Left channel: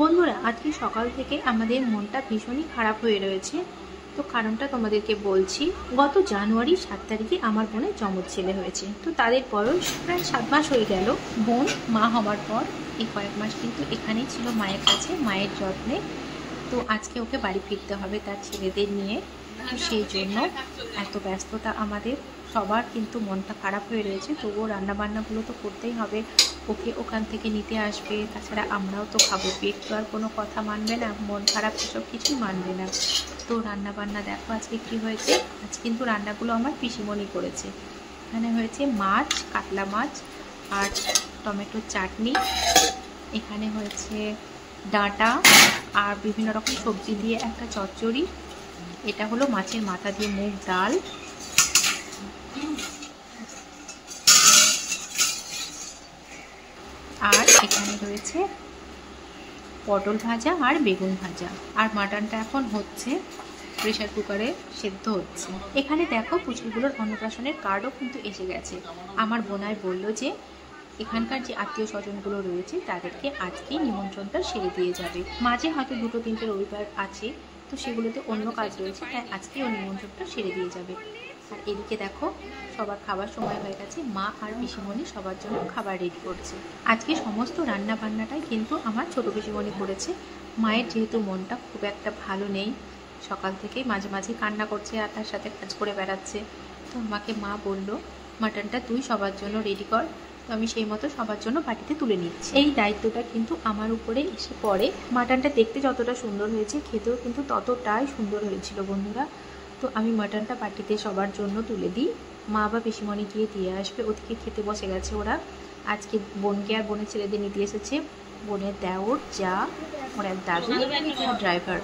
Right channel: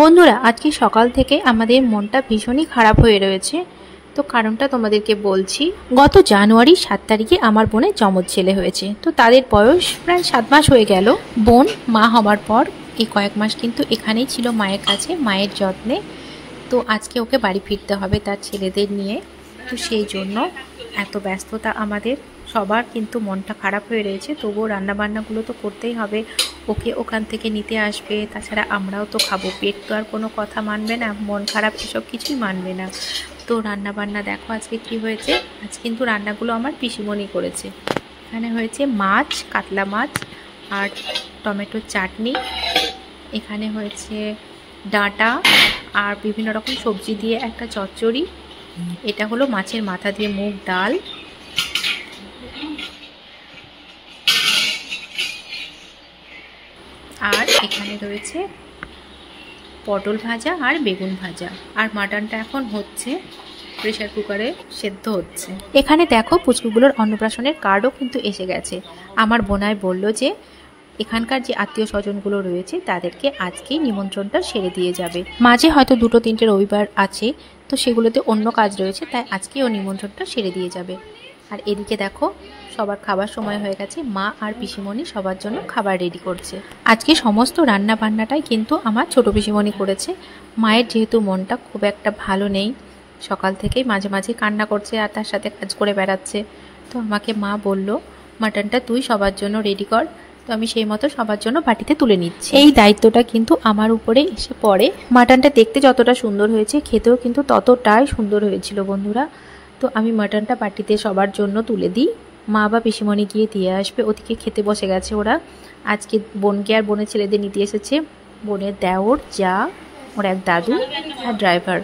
বন্ধুরা, আজকে সকাল থেকে আমাদের মনটা ভীষণই খারাপ হয়ে রয়েছে। তো কারণটা তোমাদেরকে বলছি। গত জানুয়ারি 7 তারিখে আমার বোনের জমজ ছেলে হয়েছে। তো তাদের বয়স প্রায় 7 মাস হয়ে গেল। বোন মা হওয়ার পর এই কয়েক মাস কিন্তু এখানেই ছিল মায়ের কাছে, মায়ের যত্নে। তো আজকে ওকে বাড়ি ফিরতে হবে তার ছেলেদের নিয়ে। তো সেই জন্য এত ব্যস্ততা আমাদের সবার, কিন্তু মনটা খারাপ হয়ে রয়েছে। তবুও রান্নাবান্নাগুলো তো করতেই হবে। ওকে ওখান থেকে নিতে আসবে, তাছাড়া আমরাও তো খাবো। পেট তো আর কোনো কথা মানবে না, মন খারাপ এসব কিছুই মানবে না। তো রান্নাবান্না দেখো আজকে কি হয়েছে। আজ কিন্তু রান্নাগুলো আমার পিসিমণি করেছে। এখানে হয়েছে মাছ, কাতলা মাছ আর টমেটোর চাটনি। এখানে হয়েছে ডাঁটা আর বিভিন্ন রকম সবজি দিয়ে একটা চচ্চড়ি। এটা হলো মাছের মাথা দিয়ে মুগ ডাল। আর এখানে রয়েছে পটল ভাজা আর বেগুন ভাজা। আর মাটনটা এখন হচ্ছে, প্রেশার কুকারে সেদ্ধ হচ্ছে। এখানে দেখো পুচকুগুলোর অন্নপ্রাশনের কার্ডও কিন্তু এসে গেছে। আমার বোনাই বলল যে এখানকার যে আত্মীয় স্বজনগুলো রয়েছে তাদেরকে আজকেই নিমন্ত্রণটা সেরে দিয়ে যাবে। মাঝে হয়তো 2-3টে রবিবার আছে, তো সেগুলোতে অন্য কাজ রয়েছে, তাই আজকেই ও নিমন্ত্রণটা সেরে দিয়ে যাবে। আর এদিকে দেখো সবার খাবার সময় হয়ে গেছে। মা আর পিসিমণি সবার জন্য খাবার রেডি করছে। আজকে সমস্ত রান্না বান্নাটাই কিন্তু আমার ছোট পিসিমণি করেছে। মায়ের যেহেতু মনটা খুব একটা ভালো নেই, সকাল থেকেই মাঝে মাঝে কান্না করছে আর তার সাথে কাজ করে বেড়াচ্ছে। তো আমাকে মা বলল, মাটনটা তুই সবার জন্য রেডি কর। তো আমি সেই মতো সবার জন্য বাটিতে তুলে নিচ্ছি। এই দায়িত্বটা কিন্তু আমার উপরে এসে পড়ে। মাটনটা দেখতে যতটা সুন্দর হয়েছে, খেতেও কিন্তু ততটাই সুন্দর হয়েছিল বন্ধুরা। তো আমি মাটনটা বাটিতে সবার জন্য তুলে দিই। মা বা পিসিমণি গিয়ে দিয়ে আসবে। ওদিকে খেতে বসে গেছে ওরা। আজকে বোনকে আর বোনের ছেলেদের নিতে এসেছে। বোনের দেওর, যা, ওর এক দাদু আর ড্রাইভার।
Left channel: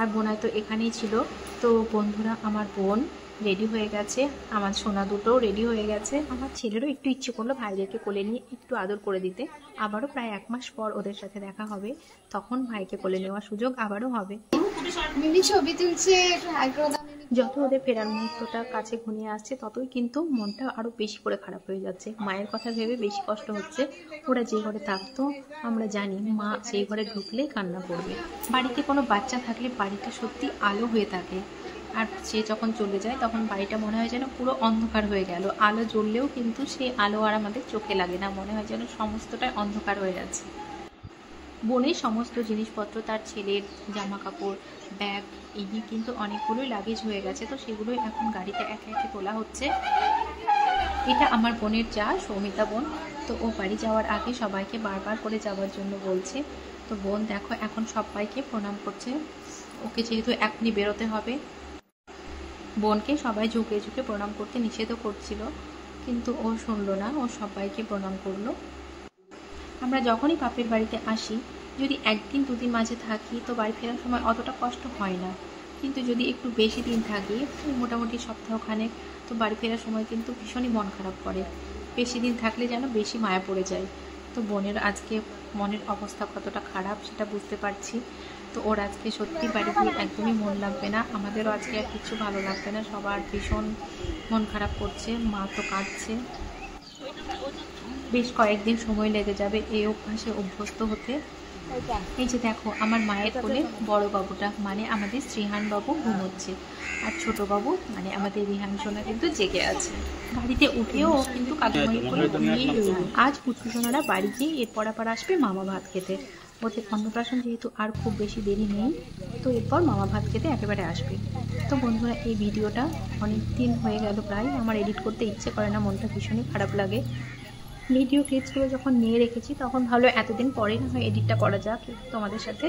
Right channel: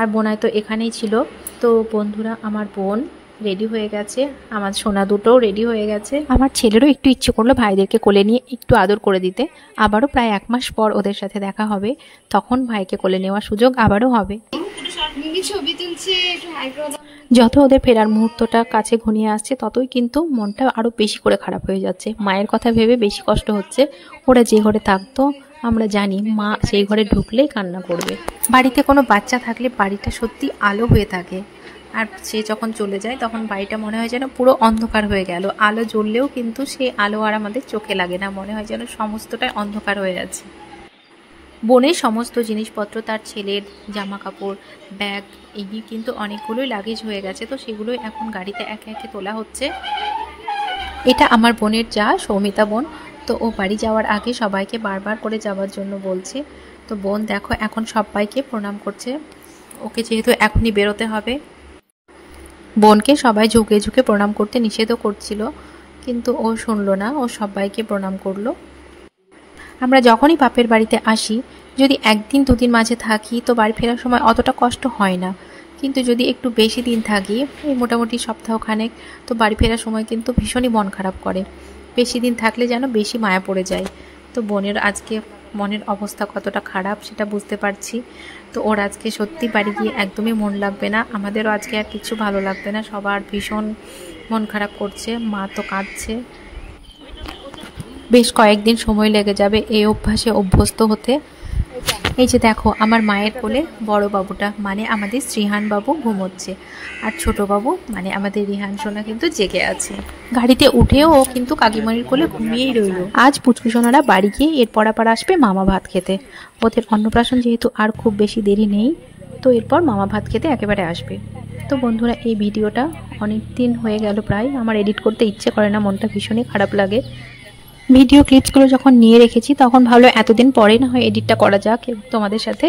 আর বোনাই তো এখানেই ছিল। তো বন্ধুরা, আমার বোন রেডি হয়ে গেছে, আমার সোনা দুটোও রেডি হয়ে গেছে। আমার ছেলেরও একটু ইচ্ছে করলো ভাইদেরকে কোলে নিয়ে একটু আদর করে দিতে। আবারও প্রায় 1 মাস পর ওদের সাথে দেখা হবে, তখন ভাইকে কোলে নেওয়ার সুযোগ আবারও হবে। ছবি তুলছে। যত ওদের ফেরার মুহূর্তটা কাছে ঘনিয়ে আসছে, ততই কিন্তু মনটা আরও বেশি করে খারাপ হয়ে যাচ্ছে। মায়ের কথা ভেবে বেশি কষ্ট হচ্ছে। ওরা যে ঘরে থাকতো আমরা জানি মা সেই ঘরে ঢুকলেই কান্না করবে। বাড়িতে কোনো বাচ্চা থাকলে বাড়িটা সত্যি আলো হয়ে থাকে। আর সে যখন চলে যায় তখন বাড়িটা মনে হয় যেন পুরো অন্ধকার হয়ে গেল। আলো জ্বললেও কিন্তু সে আলো আর আমাদের চোখে লাগে না, মনে হয় যেন সমস্তটাই অন্ধকার হয়ে আছে। বোনের সমস্ত জিনিসপত্র, তার ছেলের জামা কাপড়, ব্যাগ, এই নিয়ে কিন্তু অনেকগুলোই লাগেজ হয়ে গেছে। তো সেগুলোই এখন গাড়িতে একে একে তোলা হচ্ছে। এটা আমার বোনের যা, সৌমিতা বোন। তো ও বাড়ি যাওয়ার আগে সবাইকে বারবার করে যাওয়ার জন্য বলছে। তো বোন দেখো এখন সবাইকে প্রণাম করছে। ওকে যেহেতু এখনই বেরোতে হবে, বোনকে সবাই ঝুঁকে ঝুঁকে প্রণাম করতে নিষেধও করছিল, কিন্তু ও শুনলো না। ও সবাইকে প্রণাম করলো। আমরা যখনই বাপের বাড়িতে আসি, যদি 1 দিন 2 দিন মাঝে থাকি তো বাড়ি ফেরার সময় অতটা কষ্ট হয় না। কিন্তু যদি একটু বেশি দিন থাকি, এই মোটামুটি সপ্তাহখানেক, তো বাড়ি ফেরার সময় কিন্তু ভীষণই মন খারাপ করে। বেশি দিন থাকলে যেন বেশি মায়া পড়ে যায়। তো বোনের আজকে মনের অবস্থা কতটা খারাপ সেটা বুঝতে পারছি। তো ওর আজকে সত্যি বাড়ি গিয়ে একদমই মন লাগবে না। আমাদেরও আজকে আর কিছু ভালো লাগবে না, সবার ভীষণ মন খারাপ করছে। মা তো কাঁদছে। বেশ কয়েকদিন সময় লেগে যাবে এই অভ্যাসে অভ্যস্ত হতে। এই যে দেখো আমার মায়ের কোলে বড় বাবুটা মানে আমাদের শ্রীহান বাবু ঘুমোচ্ছে, আর ছোট বাবু মানে আমাদের রিহান সোনা কিন্তু জেগে আছে। গাড়িতে উঠেও ও কিন্তু কাকিমার কোলে ঘুমিয়েই রইল। আজ পুচকু সোনারা বাড়ি গিয়ে এরপর আবার আসবে মামা ভাত খেতে। ওদের অন্নপ্রাশন যেহেতু আর খুব বেশি দেরি নেই, তো এরপর মামা ভাত খেতে একেবারে আসবে। তো বন্ধুরা, এই ভিডিওটা অনেক দিন হয়ে গেল প্রায়, আমার এডিট করতে ইচ্ছে করে না, মনটা ভীষণই খারাপ লাগে। ভিডিও ক্লিপসগুলো যখন নিয়ে রেখেছি তখন ভালো এতদিন পরে না হয় এডিটটা করা যাক তোমাদের সাথে,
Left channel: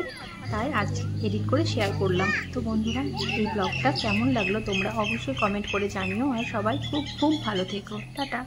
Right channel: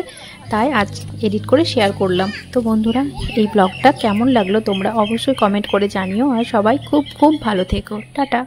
তাই আজ এডিট করে শেয়ার করলাম। তো বন্ধুরা, এই ব্লগটা কেমন লাগলো তোমরা অবশ্যই কমেন্ট করে জানিও। আর সবাই খুব খুব ভালো থেকো। টাটা।